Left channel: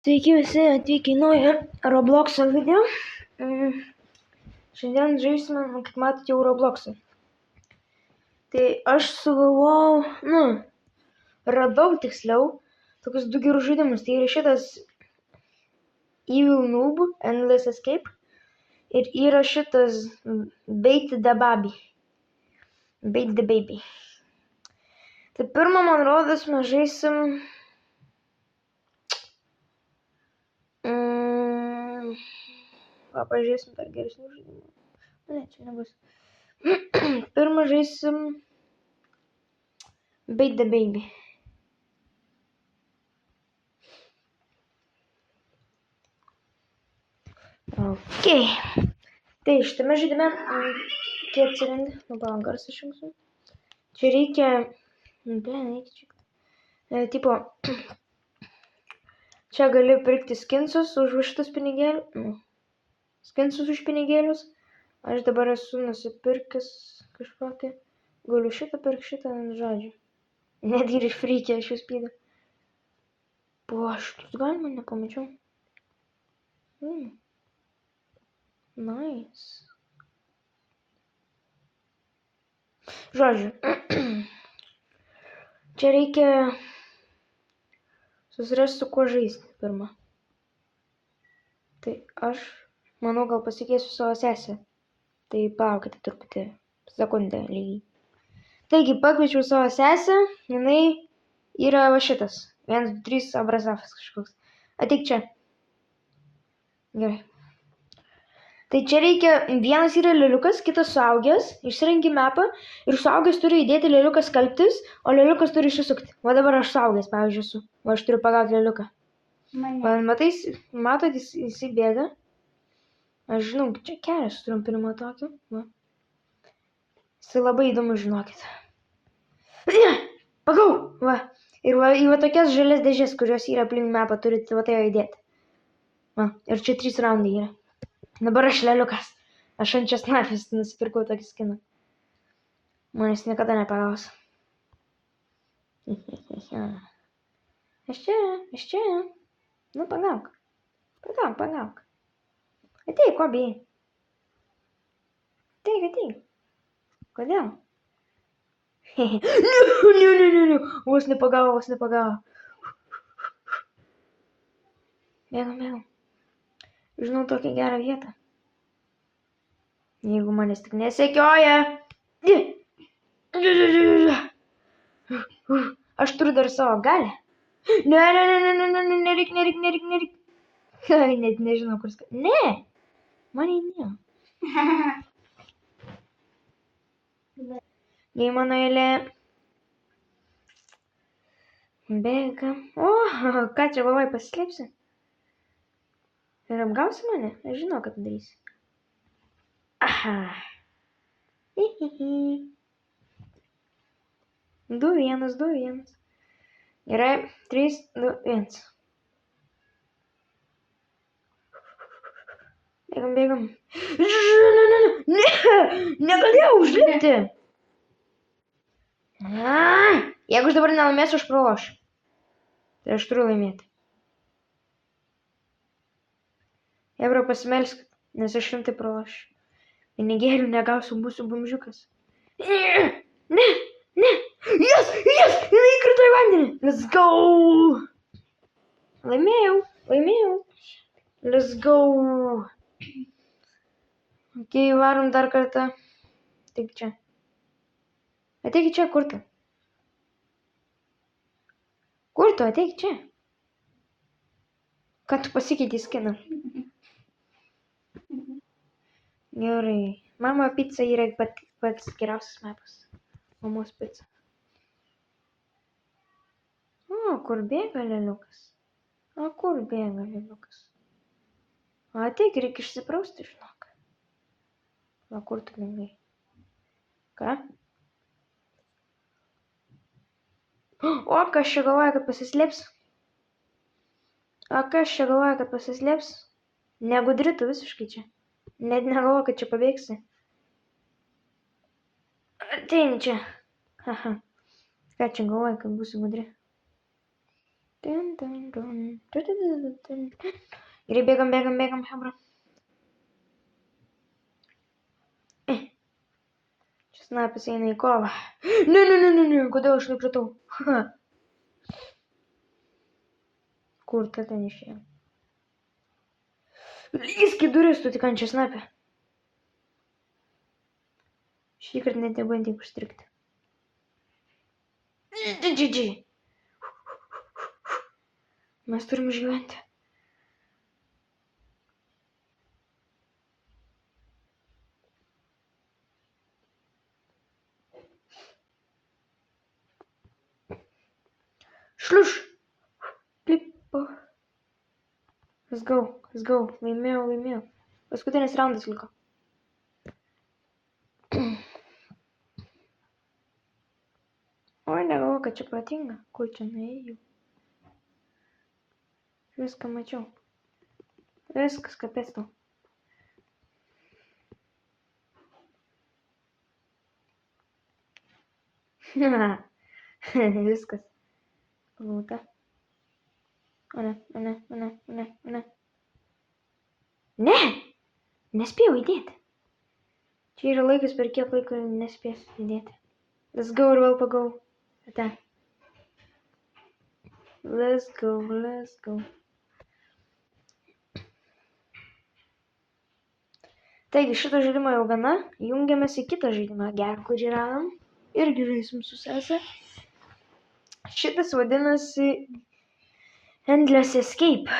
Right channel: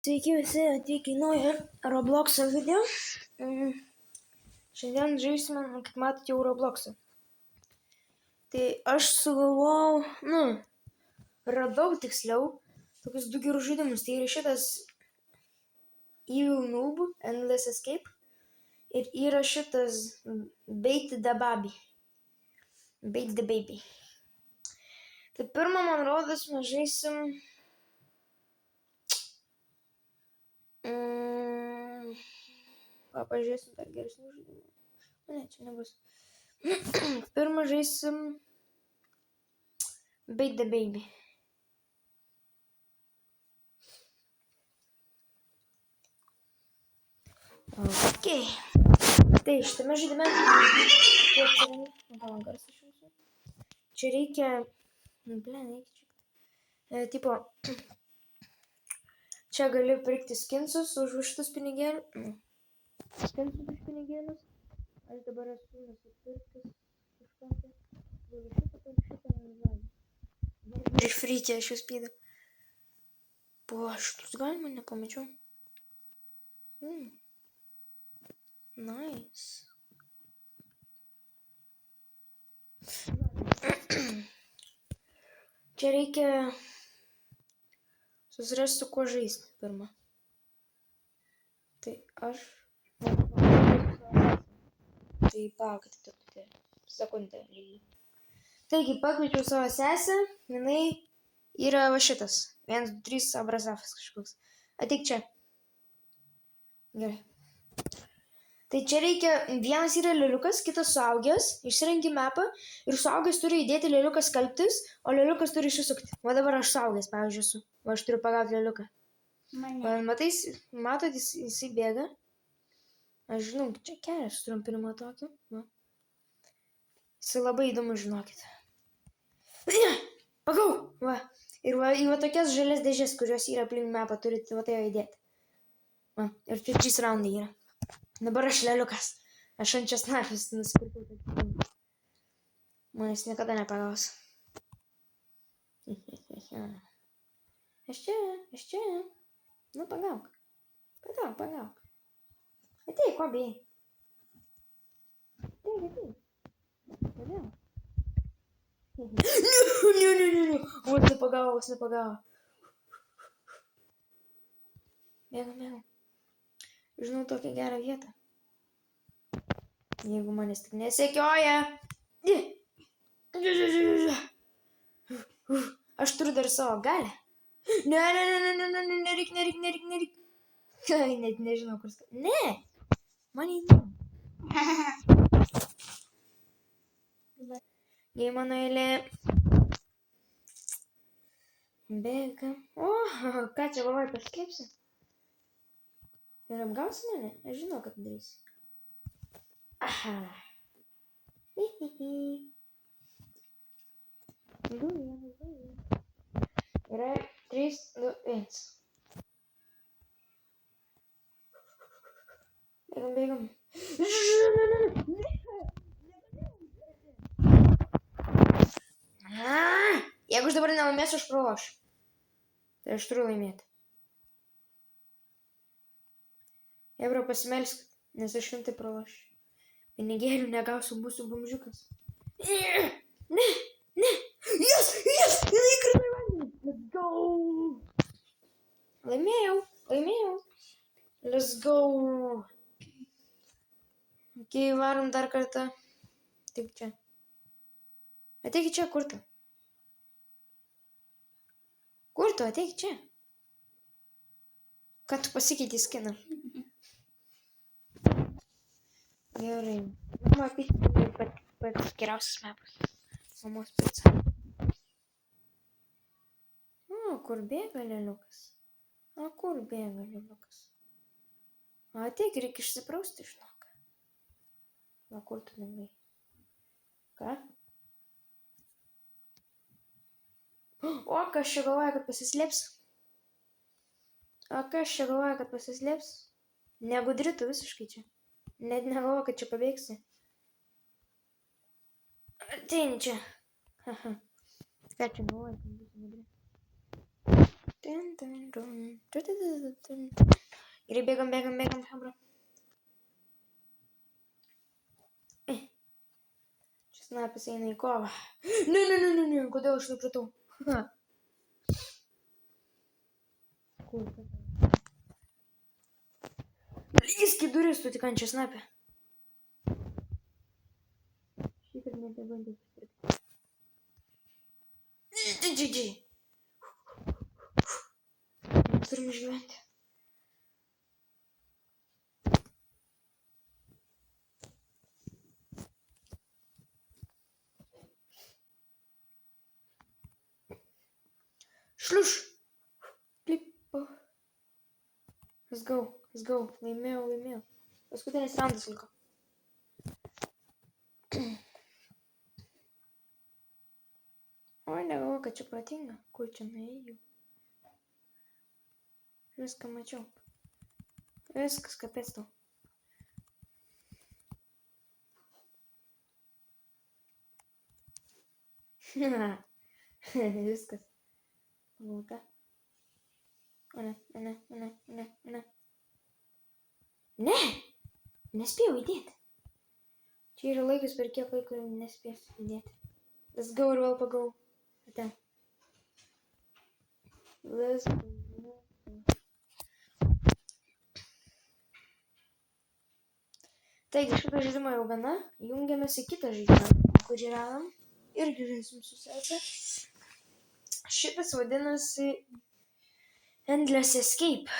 Sveiki visi atvykę į naują Robloxo video. Šiandien žaisime, kaip matote, jau Robloxą. Tai aš sugalvojau, radau tiksliau, tokius du gerus žaidimus. Tai yra šitas Evil Noob, Endless Escape. Ir yra šitas Bait the Baby. Bait the Baby. Tai pirmą, man rodos, mes žaisim... Pažiūrėsim per geresnių žaidimų. Ne, čia nebus. Pirmą žaisim Bait the Baby. Ok. Tai šitame žaidime, kai atsiranda, palauk, garsą išjungsiu. Čia reikia, tipo, čia gali pirkti skinsus už šitus pinigėlius. Skinsus už pinigėlius. Aš dabar esu nusipirkęs kažkokį. Galiu šitą pirkti, šitą, žodžiu. Netgi ir free aš jūs pydu. Po šitus galima, nepamačiau. Nice. Žodžiu. Čia reikia susirasti su kuo žaisti pirmą. Tai aš manau, gal pasikviesiu savo sesę. Tai palaukite truputį. Sekundę lygiai. Taigi, pakviečiau savo sesę. Jinai yra va šitas. 1, 2, 3 abrazafas kažkoks. Ateik čia. Gerai. Tai čia reikia, vienas yra lėliukas, kitas suaugęs, išsirenki mapą ir suaugęs turi įdėti lėliuką skalbtis, o lėliukas turi išsisukti. Va dabar aš suaugęs, pavyzdžiui, esu. O aš turiu pagauti lėliuką. Matot, jisai bėga. Aš žinau, čia kelias trumpinimo tokį. Va. Jisai labai įdomu, žinokit. Pagau! Va. Ir va tokias žalias dėžės, kurios yra aplink mapą, turite va tai įdėti. Va. Ir čia 3 raundai yra. Dabar aš lėliukas. Aš ant česnakės nusipirkau tokį skiną. Manęs niekada nepagaus. Aš čia. Nu, pagauk. Pagauk. Ateik, ko bijai? Ateik. Kodėl? Ne. Vos nepagavo. Bėgam. Žinau tokią gerą vietą. Jeigu manęs tik nesekioja. Aš turiu dar savo galę. Ne. Nereik. Net nežinau, kur Ne. Man įdėjau. Jei mano eilė. Bėgam. O, ką čia galvoji, pasislėpsi? Ir apgausi mane? Aš žinau, kad darysi. Aha. 2-1. Gerai. 3-2-1. Bėgam. Ne! Negalėjau užlipti. Jeigu aš dabar nelaimėsiu, aš pralošiu. Tai aš turiu laimėti. Ebra, pasimelsk, nes aš rimtai pralošiu. Pinigėlių negausiu, būsiu bumžiukas. Ne! Yes! Jinai įkrito į vandenį. Let's go! Laimėjau. Let's go! Ok, varom dar kartą. Taip čia. Ateik čia, kur tu? Ateik čia. Ką tu pasikeitei skiną? Gerai. Mama pica yra pats geriausias mapas. Mamos pica. O, kur bėga lėliukas? Ateik, reikia išsiprausti, žinok. Va, kur tu bėgai? Ką? O, kas čia galvoja, kad pasislėps? Negudri tu visiškai čia. Net negalvoju, kad čia pabėgsi. Ateini čia. Ką čia galvoju, kad būsi gudri? Ir bėgam, hebra. Čia snapis eina į kovą. Ne, kodėl aš nukritau? Kur ta ten išėjo? Lįsk į duris, tu tik ant čia snapė. Šį kartą net nebandyk užstrikti. Mes turim išgyventi. Šliuš. Klipo. Let's go. Laimėjau. Paskutinis raundas liko. Oi, negalvoju, kad čia protinga. Kur čia nuėjau? Viską mačiau. Viskas, kapės tau. Viskas. Lūta. O ne. Ne! Nespėjau įdėti. Čia yra laikas, per kiek laiko nespėsiu įdėti. Let's go ir vėl pagau. Ate. Let's go. Taigi, šito žaidimo jau gana. Jungiamės į kitą žaidimą, gerą, kurį radom. Irgi žaisim su sese. Šitas vadinasi Endless Escape.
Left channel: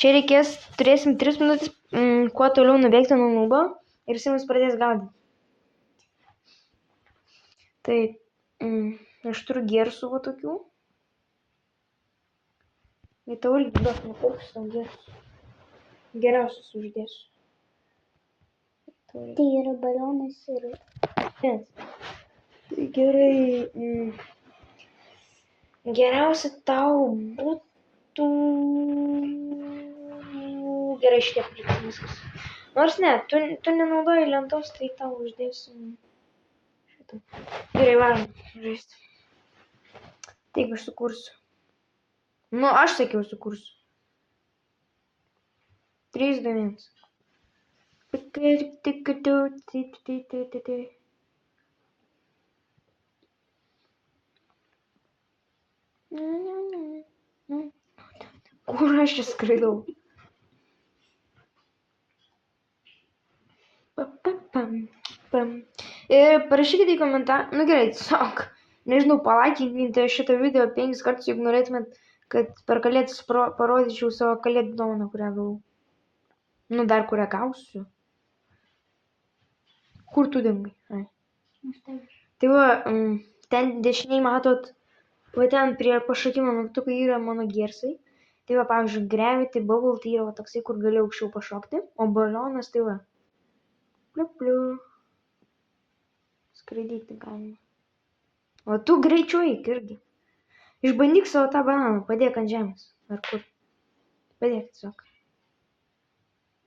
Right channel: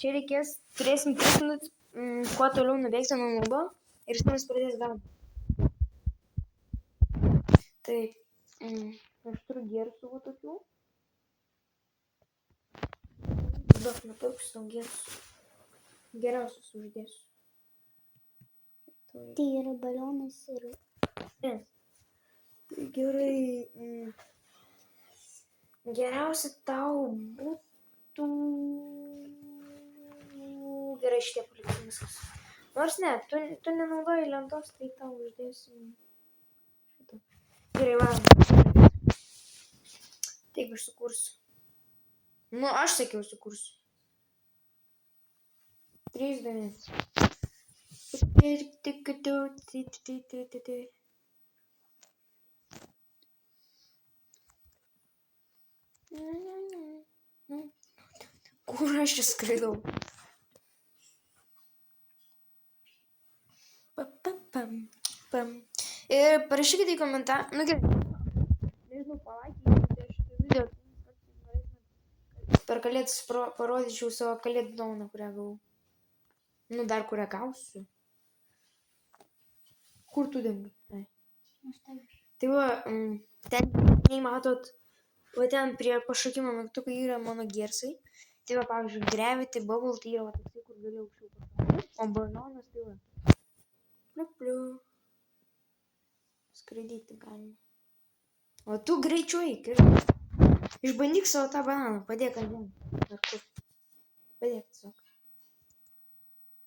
Čia turėsim 3 minutės, kuo toliau nubėgti nuo nubo ir Simas pradės gaudyti. Tai, aš turiu gersų va tokių. Tai tau irgi duok, kokius tau gersų. Geriausius uždėsiu. Tai yra balionas ir... Tai gerai. Geriausia tau būtų... Gerai, šitie paliksiu viskas. Nors ne, tu nenaudoji lentos, tai tau uždėsiu šitą. Gerai, varom žaisti. Taigi aš sukursiu. Nu, aš sakiau sukursiu. 3, 2, 1. Kur aš čia skraidau? Ir parašykite į komentarą. Nu gerai, tiesiog. Nežinau, palaikinkite šitą video 5 kartus, jeigu norėtumėt, kad per kalėdas parodyčiau savo kalėdų dovaną, kurią gavau. Nu, dar kurią gausiu. Kur tu dingai? Tai va, ten dešiniai matot, va ten prie pašokimo mygtukai yra mano gersai. Tai va, pavyzdžiui, Gravity Bubble tai yra va toksai, kur gali aukščiau pašokti. O balionas tai va. Pliu. Skraidyti galima. O tu greičiau eik ir išbandyk savo tą bananą. Padėk ant žemės. Ar kur? Padėk tiesiog.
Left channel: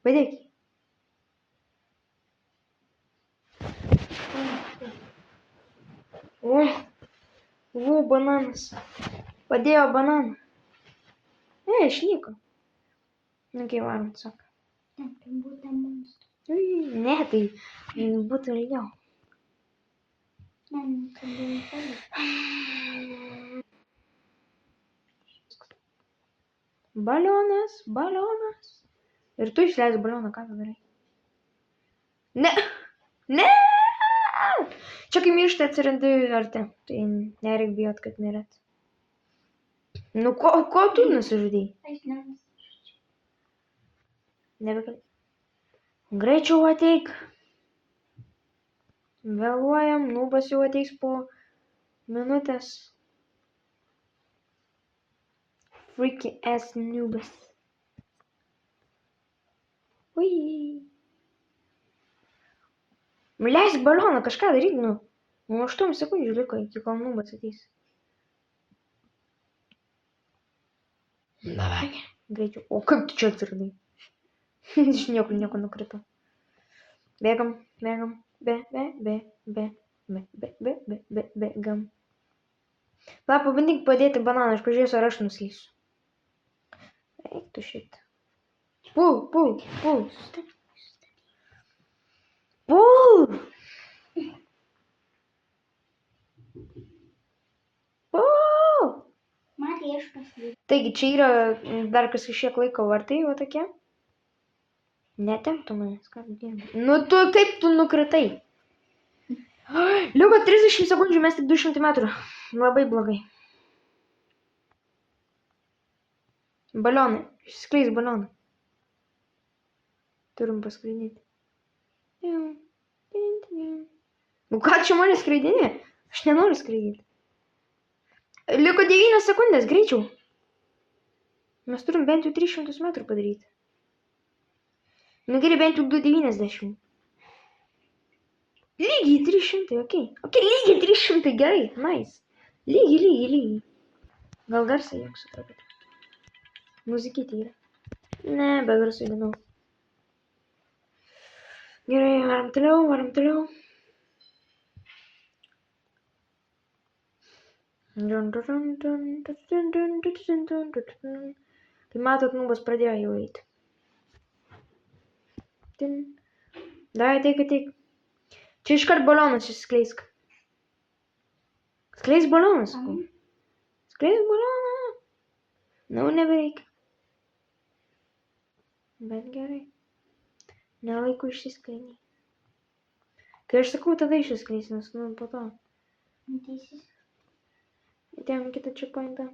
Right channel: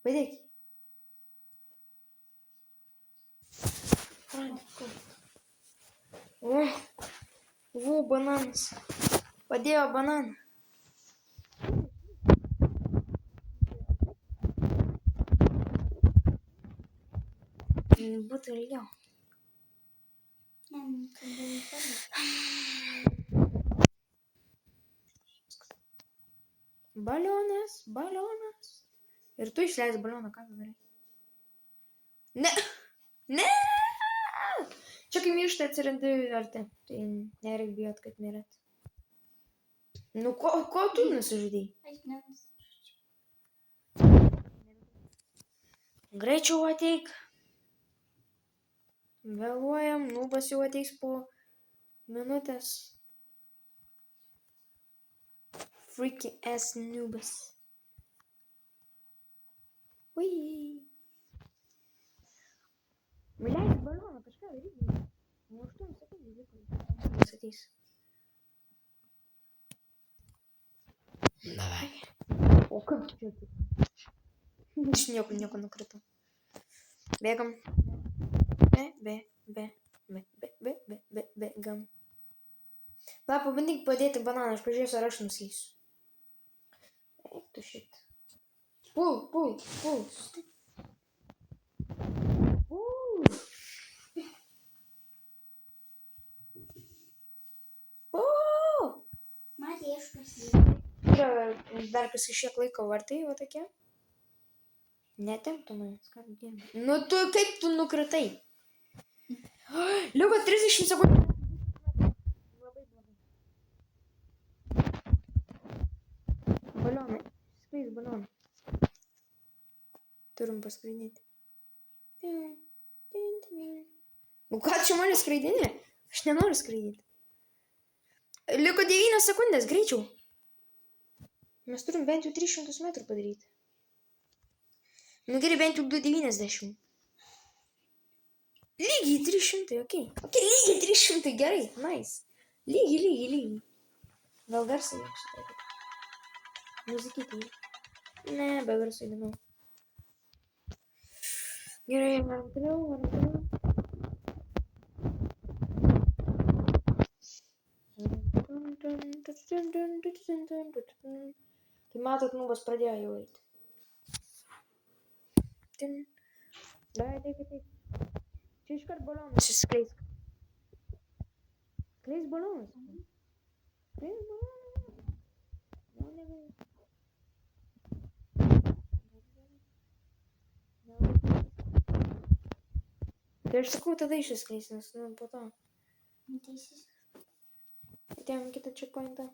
Padėk. O, bananas. Padėjo bananą. Išliko. Nu, kai varom tiesiog. Ne, tai būtų ilgiau. Balionas. Ir tu išleisi balioną, ką tu darai? Ne! Čia kai miršta atsirandi arti. Tai nereik bijot, kad mirėt. Nu, ko tu nusižudei? Nebegali. Greičiau ateik. Vėluojam, nubas jau ateis po minutės. Freaky ass nubas. Ui. Leisk balioną, kažką daryk, nu. 8 sekundžių liko, iki kol nubas ateis. Davai. O kaip tu čia atsiradai? Iš nieko nukritau. Bėgam. Bėgam. Va, pabandyk padėti bananą, aš pažiūrėsiu, ar aš nuslysiu. Eik tu šit. Pul. Pul! Matė, aš pasidėjau. Taigi, čia yra dar kas kažkiek laiko vartai, va tokie. Netemptų manęs, ką tu dirbi. Nu tu, kaip tu nukritai? Liuko 30 sekundžių, mes tik 200 metrų. Labai blogai. Balionai. Išskleis balionai. Turim paskraidyti. Nu ką čia mane skraidinė? Aš nenoriu skraidyti. Liko 9 sekundės, greičiau. Mes turim bent jau 300 metrų padaryti. Nu gerai, bent jau 290. Lygiai 300, okei. Okei, lygiai 300, gerai, nice. Lygiai. Gal garsai jau supratau. Muzikytė yra. Ne, be garsų įdomiau. Gerai, varom toliau. Kai matot, nubas pradėjo jau eiti. Dai, ateik. Čia iškart balionas išskleisk. Skleisk balionas. Skleisk balioną. Nu, nebereikia. Bet gerai. Nelaiku išsiskleisti. Kai aš sakau, tada išsiskleis, nes, nu, po to. Teisis. Atėjom kitą checkpointą.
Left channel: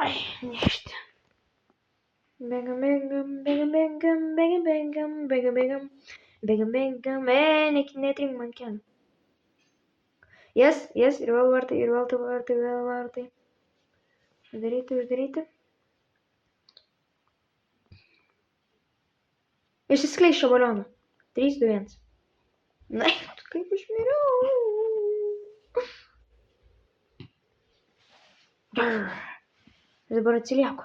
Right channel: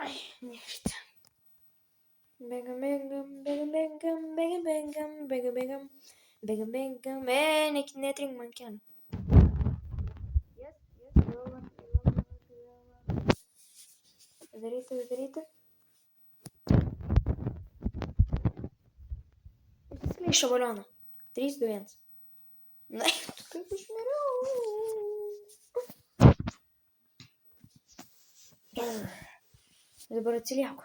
Ai, nešti. Bėgam. Netrink man kelią. Yes, ir vėl vartai. Uždaryti. Išsiskleis šio balioną. 3, 2, 1. Na, kaip aš miriau. Dabar atsilieku.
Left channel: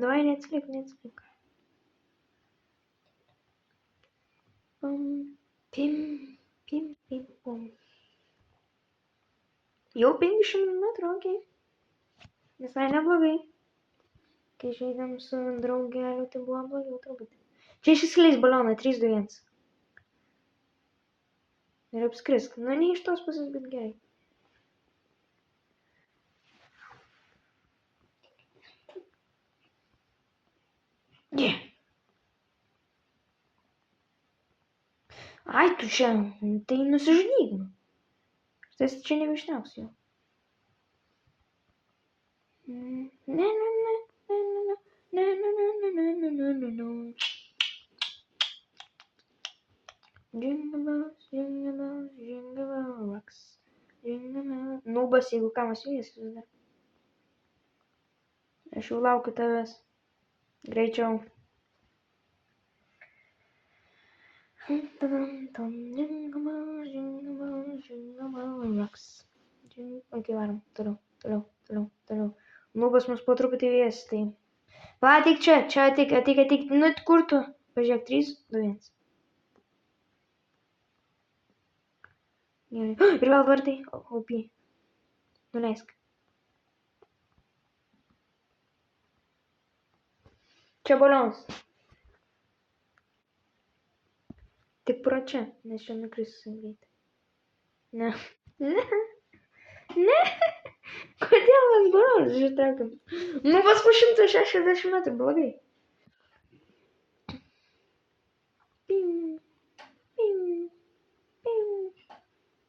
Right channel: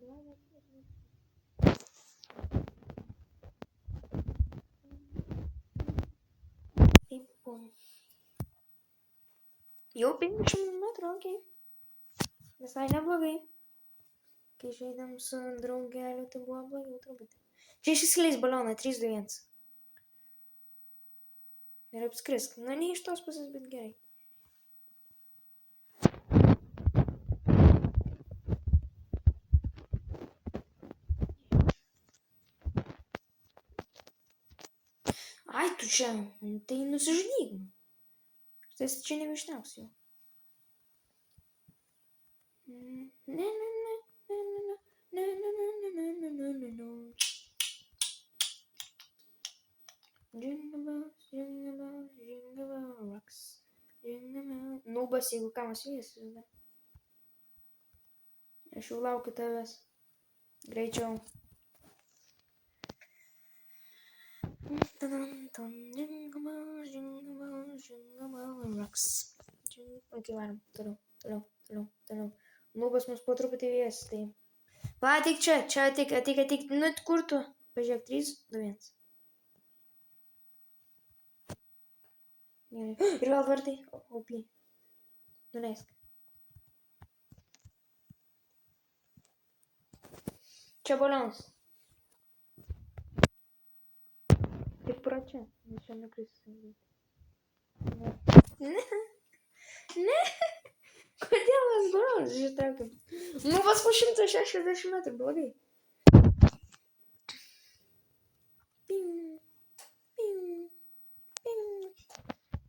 Давай, не отслик. Pim. Jau 500 metrų, okei. Visai neblogai. Kai žaidėm su draugeliu, tai buvo blogiau truputį. Čia išsiskleis balioną, 3, 2, 1. Ir apskrisk. Nu, ne iš tos pusės, bet gerai. Ai, tu čia, tai nusižudyk. Tai čia nebeišneps jau. Ne. Jingle rocks. Nubas, jeigu kamas vysis. Aš jau laukiu tavęs. Greičiau. Rocks. Ok, varom. Toliau. Nubas mus po truputį vės, tai. Va, ateik čia, ateik. Nu, kur tu? Pažiūrėk, 3, 2, 1. Gerai. Ir vėl vartai. OP. Nuleisk. Čia balionas. Tik pro čia, nes čia nukris greitai. Ne. Kodėl mes balionus ištraukėm? Nu, pas po 160 metrų, blogai.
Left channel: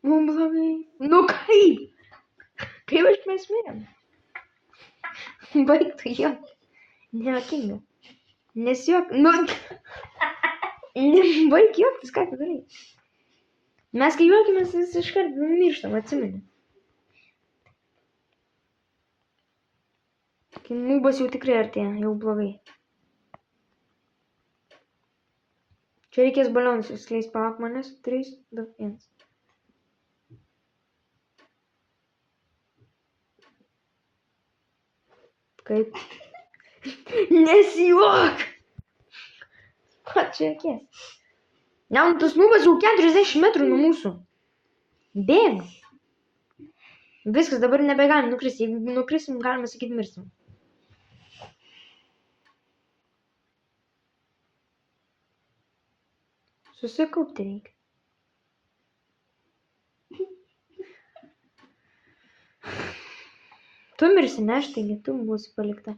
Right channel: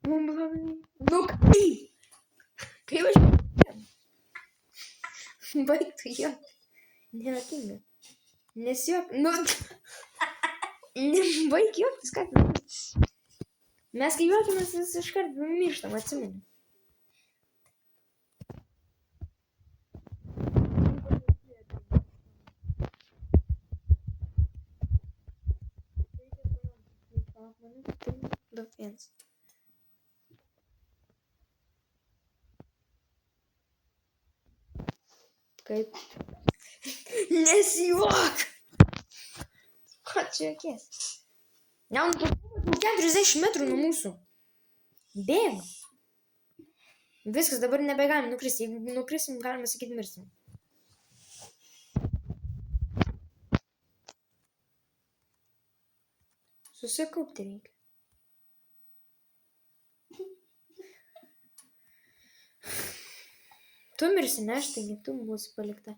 Nu, blogai. Nu, kaip? Kaip aš nesmėjom? Baig tu juok. Nejuokinga. Nesijuok. Nu, baig juoktis, ką tu darai? Mes kai juokimės, jis iškart mirštam, atsimeni. Nubas jau tikrai artėja, jau blogai. Čia reikės balionus išskleis, palauk manęs. 3, 2, 1. Kaip? Nesijuok! Ko čia reikės? Jaunas nubas jau 40 metrų nuo mūsų. Bėg. Viskas, dabar nebegalim nukristi. Jeigu nukrisim, galima sakyti, mirsim. Susikaupti reikia. Tu mirsi, ne aš, taigi tu būsi palikta.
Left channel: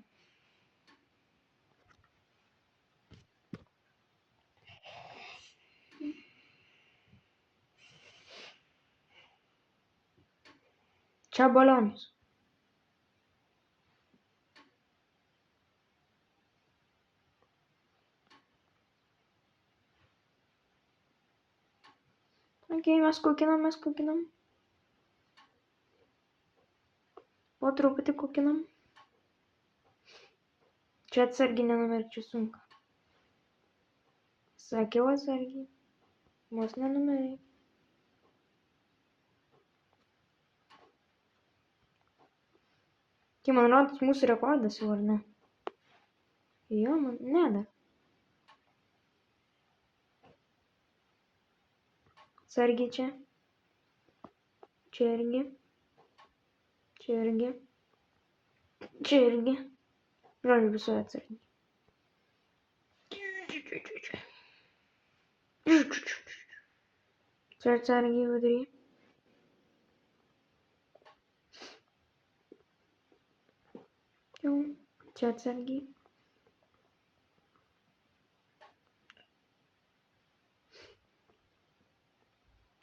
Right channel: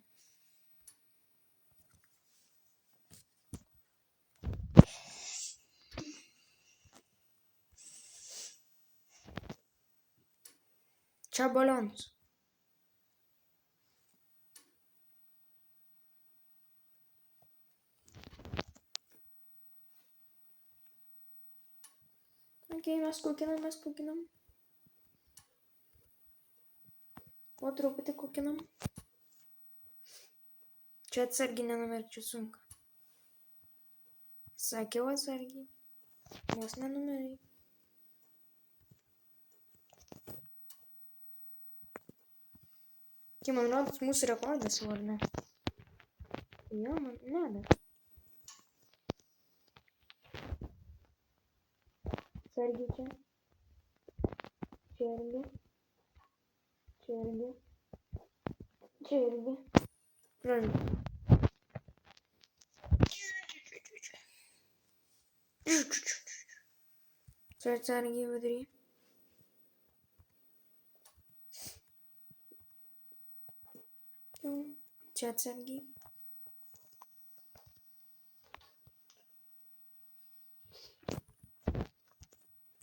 Čia balionus. Ok, mes kukinam. Po truputį kukinam. Čia atsargiai nenumirčiau sunku. Sakiau atsargiai. Vos nenumeriai. Tai man rodos mūsų rekordas jau, ar ne? Jo, man, ne dar. Atsargiai čia. Čia irgi. Čia irgi. Čia irgi. Žodžiu, visoje atsargiai. Čia atsargiai vidury. Jau. Čia atsargiai.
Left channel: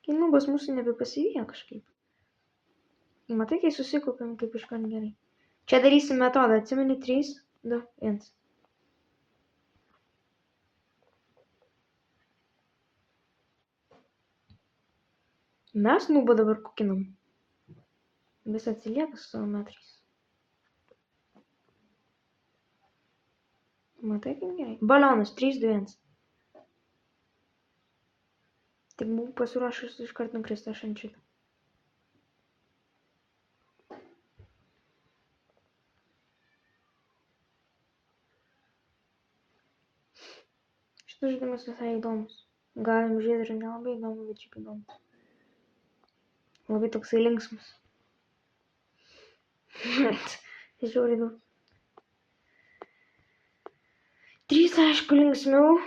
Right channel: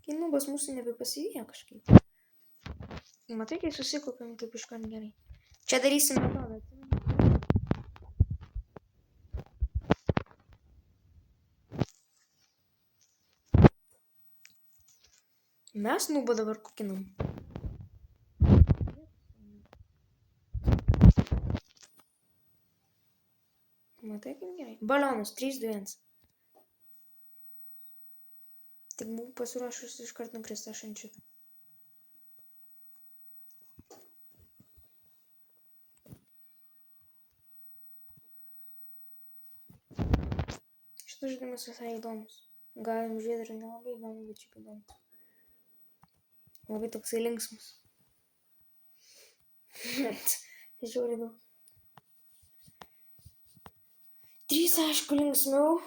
Kai nubas mūsų nebepasivyja kažkaip. Matai, kai susikaupiam, kaip iškart gerai. Čia darysim metodą. Atsimeni 3, 2, 1. Mes nubą dabar kukinam. Jis atsilieka su savo metrais. Matai, kaip gerai. Balionus 3, 2, 1. Tik buvau pasiruošus iškart nukristi aš ant šito. Šitas žaidimas visai įdomus. Galim žiūrėti ir nelabai įdomu, bet šiaip įdomus. Labai toksai linksmas. Žiūrėjau daug. 3, aišku, linksmiau.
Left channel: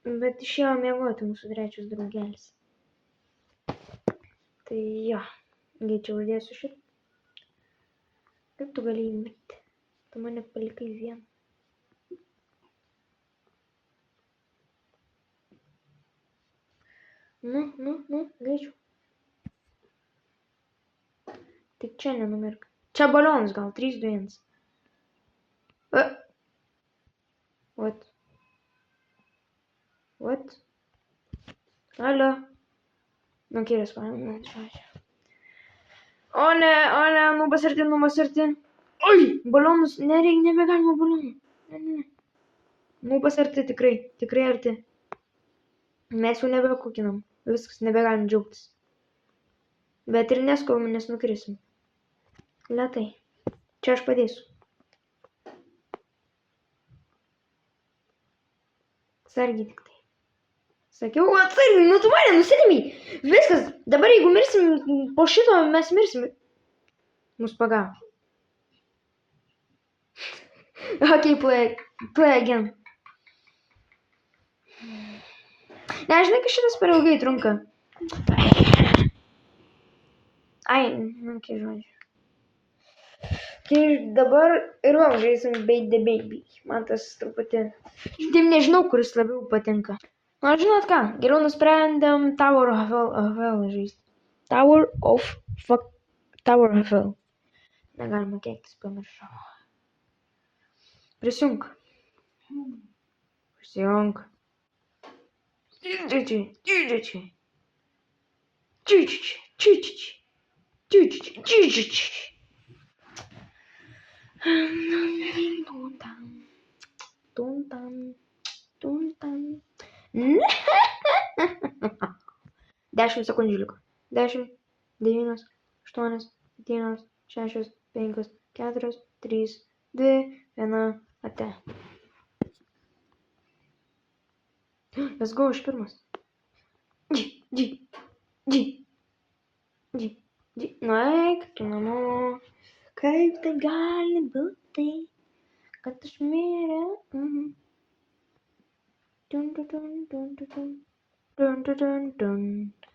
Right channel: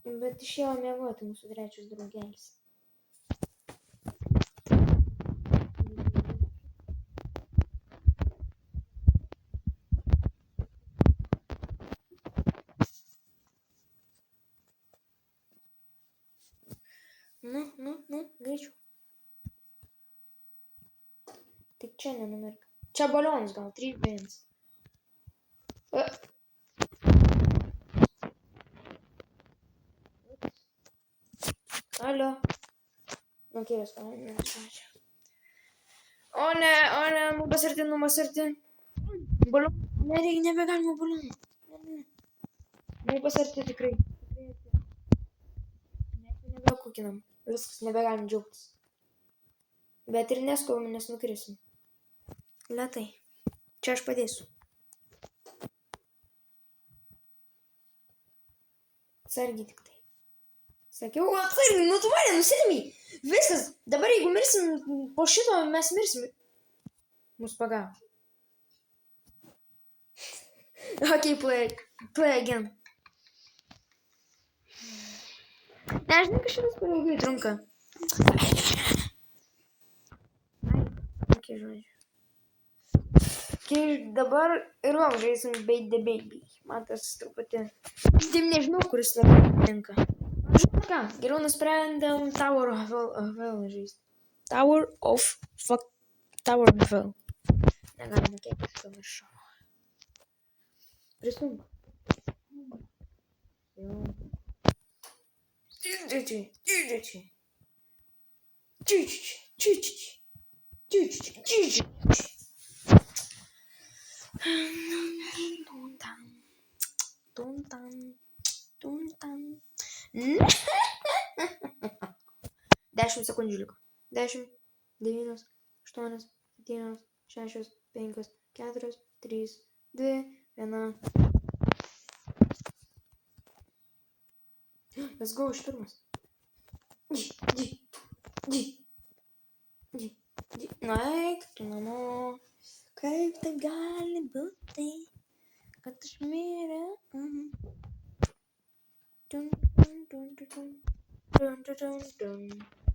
Bet išėjo miegoti mūsų trečias draugelis. Tai jo. Greičiau uždėsiu šitą. Kaip tu galėjai mirti? Tu mane palikai vieną. Nu, greičiau. Tik čia nenumirk. Čia balionus gal, 3, 2, 1. What? Alio. Nu, kėlės paėmė. O ne, nubas arti. Oi, balionus, nebegalima balionų. Ne. Nubas arti, tikrai arti. Mes jau nebekukinam. Viskas, nebegalim džiaugtis. Bet ir neskubam, nes nukrisim. Lėtai. Čia aš padėsiu. Atsargiai tik tai. Sakiau, atsargiai, nu tu mane nusirimiai. Viskas, dabar jeigu mirsim po šito, mes mirsim. Mus pagavo. Ok, play again. Nežinai, kad šitas per ilgai trunka. Ai, okay, žodžiu. Kai dabar ir vėl žaisim Bait the Baby. Man tas truputį... Taip nežinau, kuris labiau patinka. Nu, žinot ką, geriau nusprendėm Tower of Hell žaisti. Tower of Hell. Negalima keiktis, pamiršau. Prisijunk. Įdėčiai. Тун-тан. 10 sekundžių liko. 10, 9, 8, 7, 6, 5, 4, 3, 2, 1. Ate. Let's go, aš pirmas. Nueik tu namo. Kaip tai gali būti, kad aš miręs? Dun, dun, dun, dun, dun, dun, dun, dun, dun.